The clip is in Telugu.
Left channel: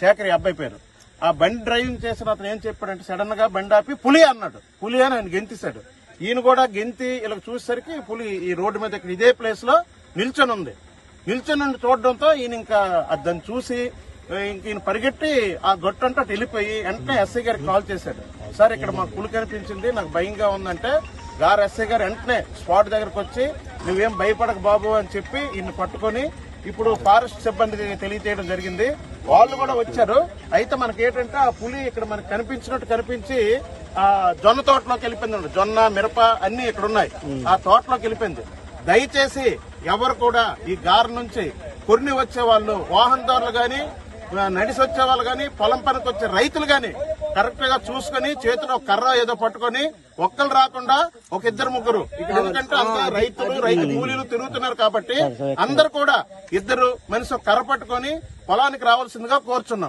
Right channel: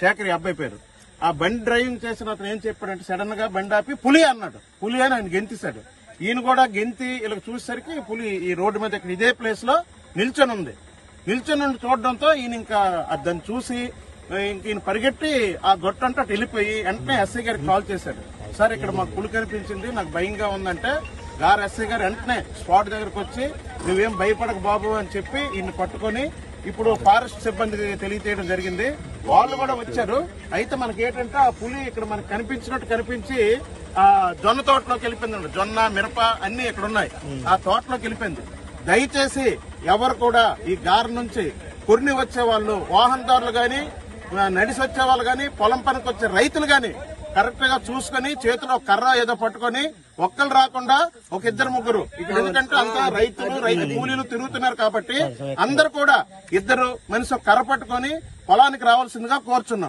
శేఖర్ అబ్బాయి పేరు. ఆ బండి డ్రైవింగ్ చేసిన అతను ఏం చెప్పాడంటే సడన్ గా బండి ఆపి పులి అన్నాడు. పులి అని ఆయన గెంతిస్తాడు. ఈయన కూడా గెంతి ఇలా చూసేసరికి పులి ఈ రోడ్డు మీద ఇక్కడ ఇదే ప్లేస్ లో నిల్చొని ఉంది. నిల్చొని చూడడంతో ఈయన ఇంకా దాన్ని చూసి ఈయన పరిగెట్టి ఆ గొట్టంతా వెళ్ళిపోయి వెంటనే ఎస్ఐ గారికి కాల్ చేశాడు. సార్ ఇక్కడ మాకు పులి కనిపించింది, నాకు భయంగా ఉందంటే ఎస్ఐ గారు వెంటనే స్పాట్ దగ్గరకు వచ్చి నువ్వేం భయపడక బాబు అని చెప్పి ఈయన పట్టుకొని ఇప్పుడు ఫారెస్ట్ సిబ్బందికి తెలియజేయడం జరిగింది. వాళ్ళు కూడా వచ్చారు. అయితే మనకి ఏంటంటే ఆ పులి ఇక్కడ మనకు కనిపించినట్టు కనిపించి ఆ జొన్న తోటలోకి వెళ్ళిపోయింది. జొన్న, మిరప అన్ని ఇక్కడ ఉన్నాయి. ఆ తోటలోకి వెళ్ళిపోయింది. దయచేసి ఎవరు కూడా ఈ గారి నుంచి కొన్ని వచ్చే వాళ్ళు, వాహనదారులు గాని, నడిసి వచ్చే వాళ్ళు గాని, పొలం పనికి వచ్చే రైతులు గాని కరెక్ట్ గా చూసుకుని చేతిలో కర్ర ఏదో పట్టుకొని ఒక్కరు రాకుండా ఒక ఇద్దరు ముగ్గురు ఇక్కడ, ఎందుకంటే అంతా రైతు కూలీలు తిరుగుతున్నారు కాబట్టి అందరు కూడా ఇద్దరు మనిషి కర్ర పట్టుకొని పొలానికి రావాల్సిందిగా కోరుచున్నాం.